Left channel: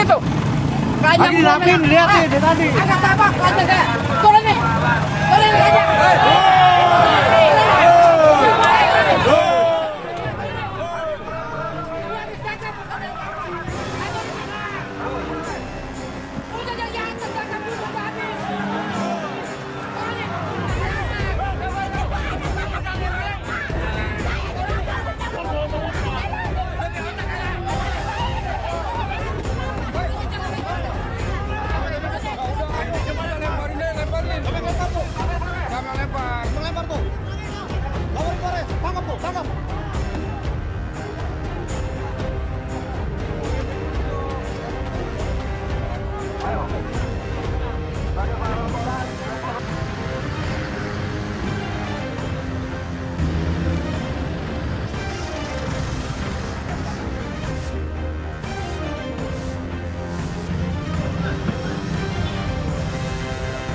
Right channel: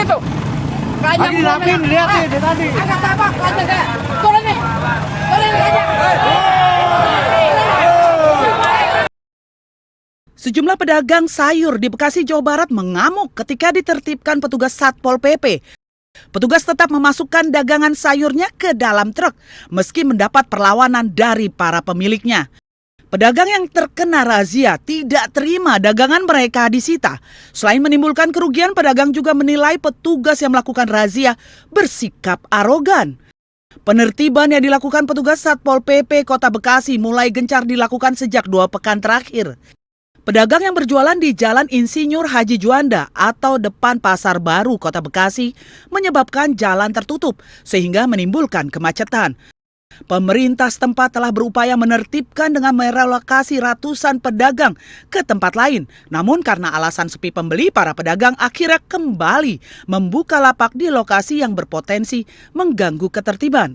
itu. Kayaknya dirapiin, lihat sih dari tadi. Agak tabak aja deh. Turun nih. Turun aja. Sejumlah pedagang sayur di Bekasi, Jawa Barat mengamuk ketika ditertibkan petugas Satpol PP. Petugas tetap memasukkan dagangan sayurnya ke dalam truk meski mendapat perlawanan dari para pemiliknya. Pedagang yang terkena razia tidak terima dagangan mereka disita. Selain menimbulkan kerugian, pedagang juga menilai petugas yang melakukan razia bersikap arogan. Penertiban yang dilakukan petugas Satpol PP Kota Bekasi mulai gencar dilakukan sejak 2 pekan terakhir. Pedagang yang berjualan di Jalan Insinyur Haji Juanda atau depan Pasar Baru Kota Bekasi menyebabkan jalan tertutup sehingga menimbulkan kemacetan. Pemerintah setempat telah berupaya menertibkan dengan merelokasi ratusan pedagang ke tempat lain. Namun karena alasan sepi pembeli, para pedagang akhirnya kembali membuka lapak di lokasi yang berpotensi mengganggu ketertiban.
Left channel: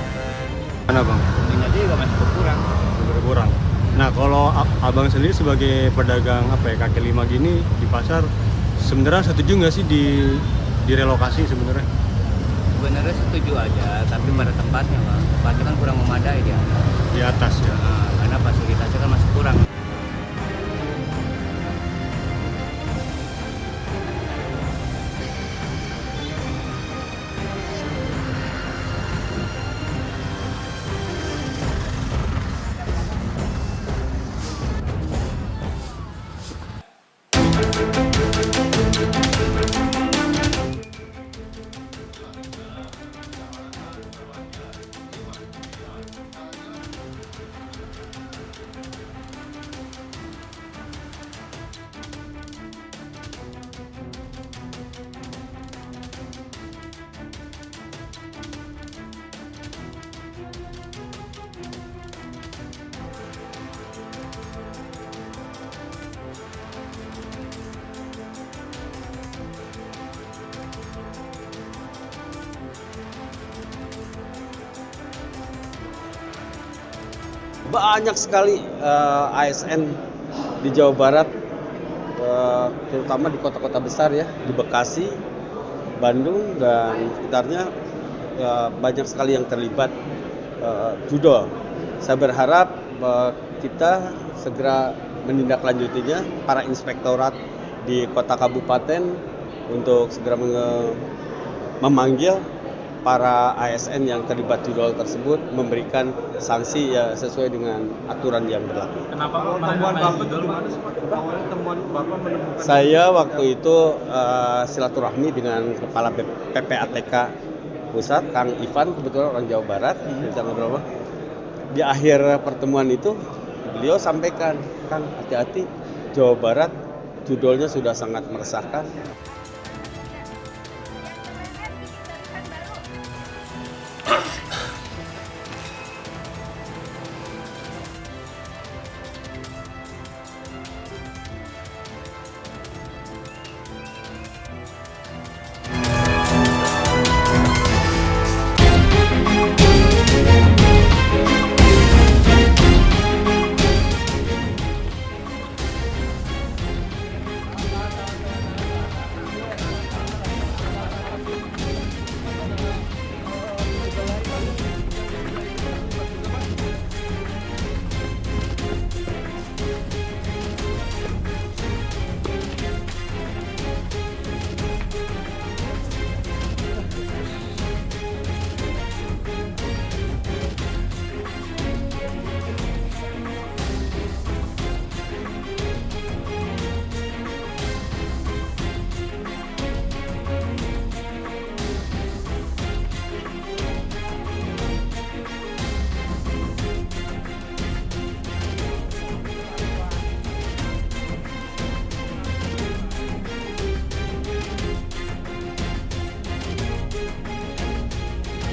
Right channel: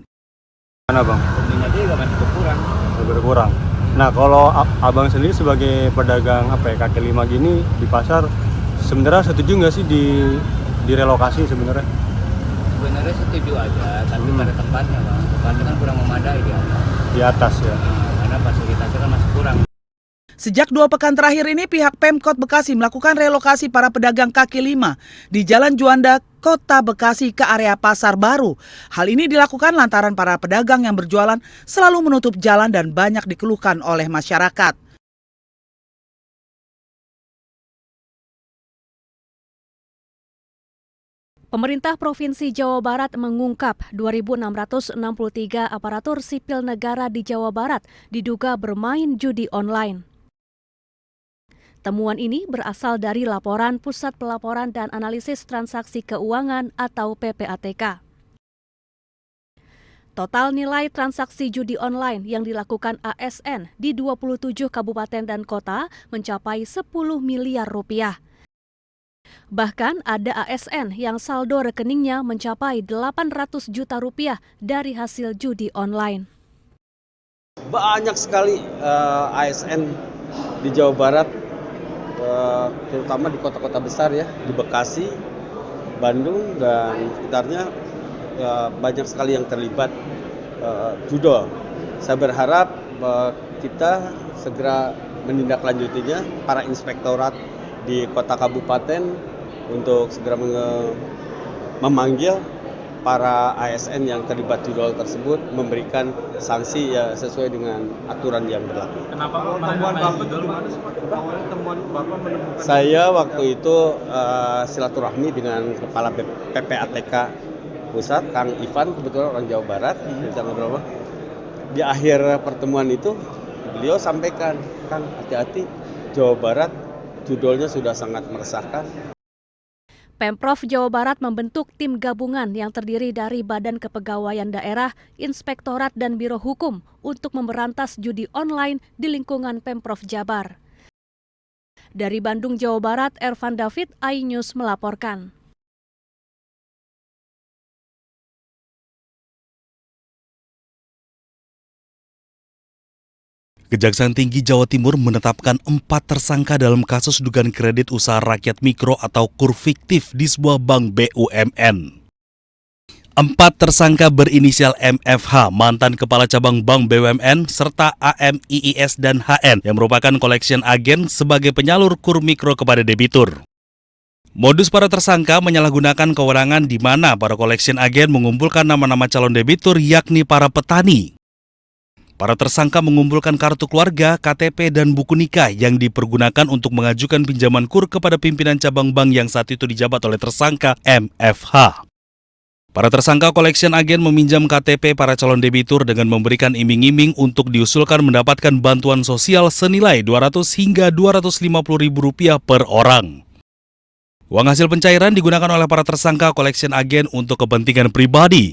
Mana bang? Pembelinya juga masih berkurang. Berkurang. Nah kalau abang sendiri sebagai pedagang kaki lima gini di pasar, sebenarnya setuju nggak sih direlokasi sebenarnya? Sebenarnya setuju aja, tapi pada tempatnya bang. Tempatnya kan kurang memadai dia. Di atas ya? Karena fasilitasnya kan masih kurang. Sejak 2 pekan terakhir ini, pihak Pemkot Bekasi melakukan relokasi para pedagang kaki lima di Jalan Juanda, Kota Bekasi ke area Pasar Baru. Hal ini dilakukan lantaran para pedagang yang berjualan selalu menutup jalan dan banyak dikeluhkan oleh masyarakat. Pemerintah Provinsi Jawa Barat mengungkap 2.663 aparatur sipil negara di Jawa Barat diduga bermain judi online. Temuan ini berasal dari laporan Pusat Pelaporan dan Analisis Transaksi Keuangan atau PPATK. Total nilai transaksi judi online yang dilakukan ASN di 27 kabupaten dan kota mencapai 10 miliar rupiah. Bahkan ada ASN yang saldo rekeningnya mencapai 800 juta rupiah dari hasil judi online. Banyak sekali ASN di Jawa Barat, terutama di kota-kota besar ya, di Bekasi, Bandung dan sekitarnya, banyak sekali yang terlibat judol. Saya berharap kita segera menindaklanjutinya, para inspektorat di kota kabupaten untuk segera memanggil para ASN yang terlibat judol tersebut, memberikan sanksi ya sesuai dengan aturan yang berlaku. Kenapa temuan Bapak di mana sih Pak? Temuan Bapak menemukan? Saya waktu itu silaturahmi dengan Kepala PPATK Pusat, Kang Ivan, kebetulan orang Jawa Barat, kita ngobrol. Di akhir pertemuan itu beliau sampaikan, Kang hati-hati, Jawa Barat judulnya sudah sangat meresahkan. Pemprov Jawa Barat membentuk tim gabungan yang terdiri dari Badan Kepegawaian Daerah, Inspektorat dan Biro Hukum untuk memberantas judi online di lingkungan Pemprov Jabar. Dari Bandung, Jawa Barat, Ervan David, iNews melaporkan. Kejaksaan Tinggi Jawa Timur menetapkan 4 tersangka dalam kasus dugaan kredit usaha rakyat mikro atau KUR fiktif di sebuah bank BUMN. 4 tersangka berinisial MFH, mantan Kepala Cabang Bank BUMN, serta AMIIS dan HN yang merupakan collection agent sebagai penyalur KUR mikro kepada debitur. Modus para tersangka menyalahgunakan kewenangan di mana para collection agent mengumpulkan nama-nama calon debitur yakni para petani. Para tersangka mengumpulkan kartu keluarga, KTP, dan buku nikah yang dipergunakan untuk mengajukan pinjaman KUR kepada pimpinan cabang bank yang saat itu dijabat oleh tersangka MFH. Para tersangka collection agent meminjam KTP para calon debitur dengan memberikan iming-iming untuk diusulkan mendapatkan bantuan sosial senilai Rp200 hingga Rp250.000 per orang. Uang hasil pencairan digunakan oleh para tersangka collection agent untuk kepentingan pribadi.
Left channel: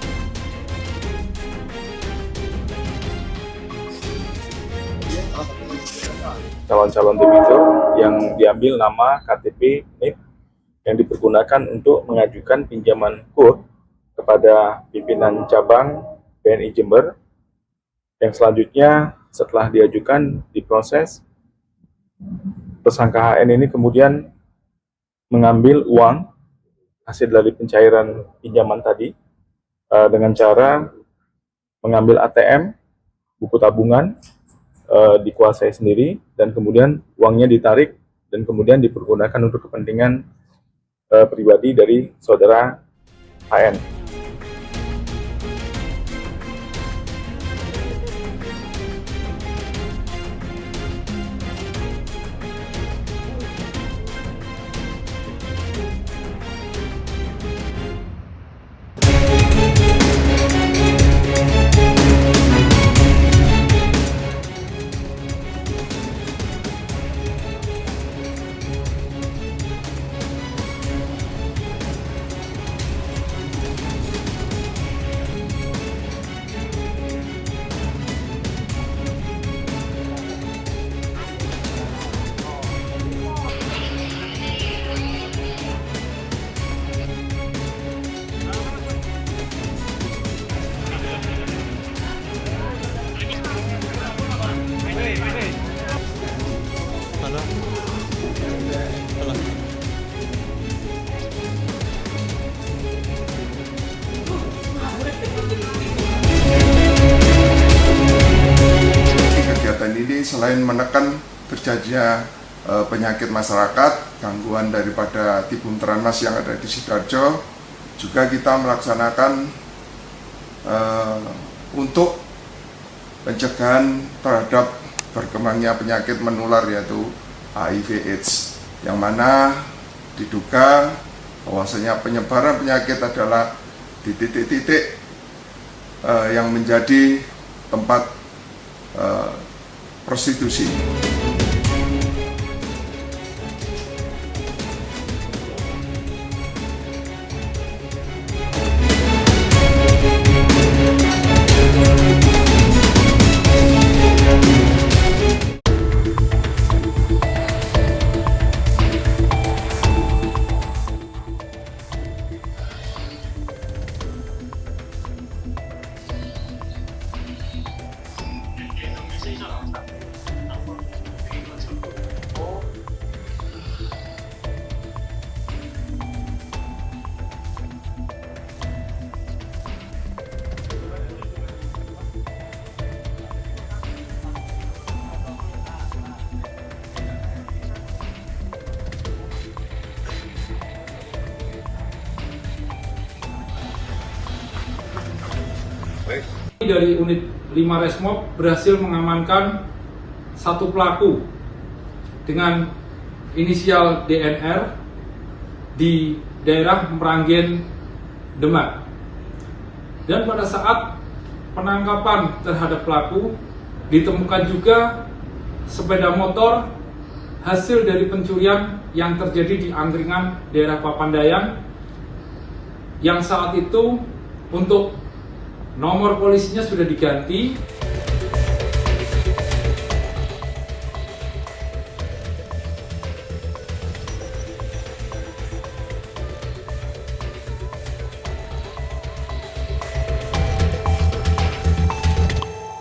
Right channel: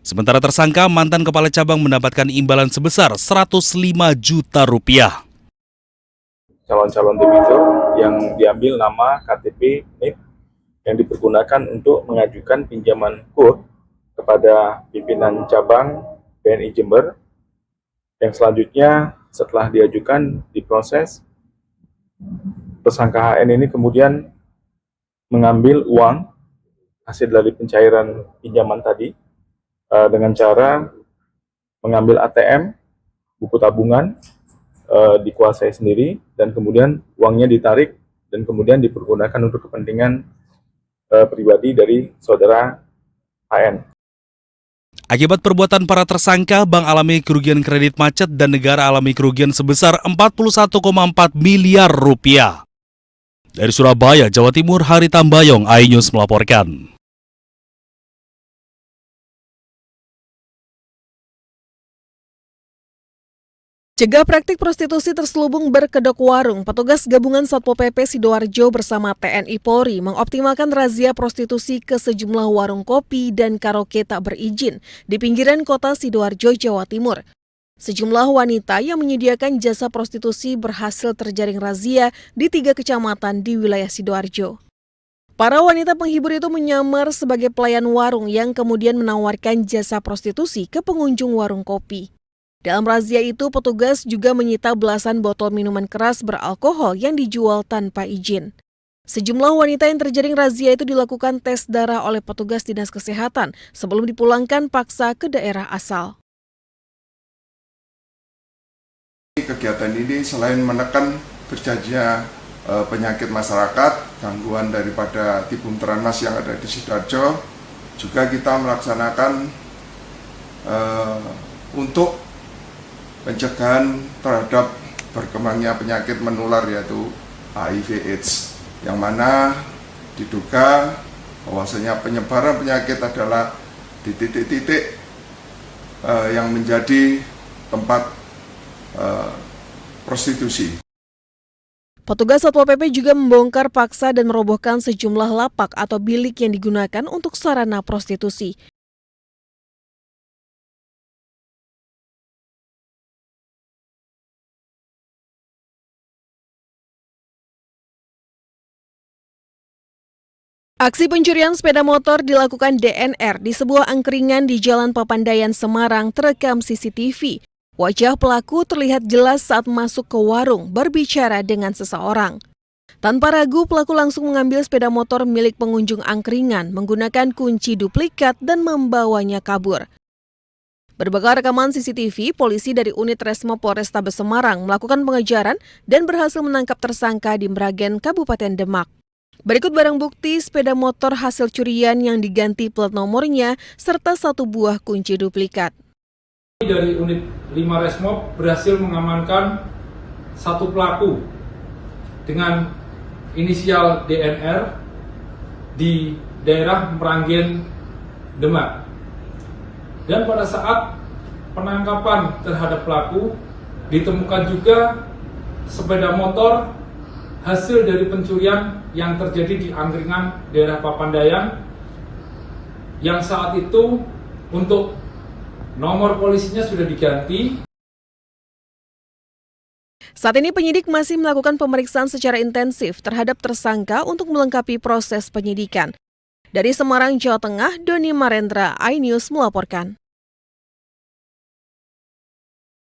Sementara tersangka mantan kepala cabang mendapatkan imbalan sebesar Rp105 juta. Calon-calon debitur yang diambil nama KTP NIP yang dipergunakan untuk mengajukan pinjaman KUR kepada pimpinan cabang BNI Jember, yang selanjutnya setelah diajukan diproses, tersangka HN ini kemudian mengambil uang hasil dari pencairan pinjaman tadi dengan cara mengambil ATM, buku tabungan, dikuasai sendiri, dan kemudian uangnya ditarik dan kemudian dipergunakan untuk kepentingan pribadi dari saudara HN. Akibat perbuatan para tersangka, bank alami kerugian kredit macet dan negara alami kerugian sebesar 41,4 miliar rupiah. Dari Surabaya, Jawa Timur, Hari Tambayong, iNews melaporkan. Cegah praktik prostitusi terselubung berkedok warung, petugas gabungan Satpol PP Sidoarjo bersama TNI Polri mengoptimalkan razia prostitusi ke sejumlah warung kopi dan karaoke tak berizin di pinggiran kota Sidoarjo, Jawa Timur. Sejumlah wanita yang menyediakan jasa prostitusi berhasil terjaring razia di 3 kecamatan di wilayah Sidoarjo. Para wanita penghibur itu menyamar sebagai pelayan warung yang kemudian menawarkan jasa prostitusi ke pengunjung warung kopi. Dalam razia itu, petugas juga menyita belasan botol minuman keras beralkohol yang dijual tanpa izin. Sejumlah wanita yang terjaring razia itu dilakukan tes darah oleh petugas dinas kesehatan sebelum dipulangkan paksa ke daerah asal. Kegiatan ini selain menekan terjadinya penyakit masyarakat, gangguan daripada tibum teranas yang ada di Sidoarjo, juga kita melaksanakan untuk pencegahan terhadap berkembangnya penyakit menular yaitu HIV/AIDS, yang mana diduga bahwasanya penyebaran penyakit adalah di titik-titik yang menjadi tempat prostitusi. Petugas Satpol PP juga membongkar paksa dan merobohkan sejumlah lapak atau bilik yang digunakan untuk sarana prostitusi. Aksi pencurian sepeda motor dilakukan DNR di sebuah angkringan di Jalan Papandayan, Semarang terekam CCTV. Wajah pelaku terlihat jelas saat masuk ke warung berbicara dengan seseorang. Tanpa ragu, pelaku langsung mengambil sepeda motor milik pengunjung angkringan menggunakan kunci duplikat dan membawanya kabur. Berbekal rekaman CCTV, polisi dari unit Resmo Polrestabes Semarang melakukan pengejaran dan berhasil menangkap tersangka di Mragen, Kabupaten Demak. Berikut barang bukti sepeda motor hasil curian yang diganti plat nomornya serta 1 buah kunci duplikat. Dari unit 5 Resmob berhasil mengamankan 1 pelaku dengan inisial DNR di daerah Mragen, Demak. Dan pada saat penangkapan terhadap pelaku ditemukan juga sepeda motor hasil dari pencurian yang terjadi di angkringan daerah Papandayan, yang saat itu untuk nomor polisinya sudah diganti. Saat ini penyidik masih melakukan pemeriksaan secara intensif terhadap tersangka untuk melengkapi proses penyidikan. Dari Semarang, Jawa Tengah, Doni Marendra, iNews melaporkan.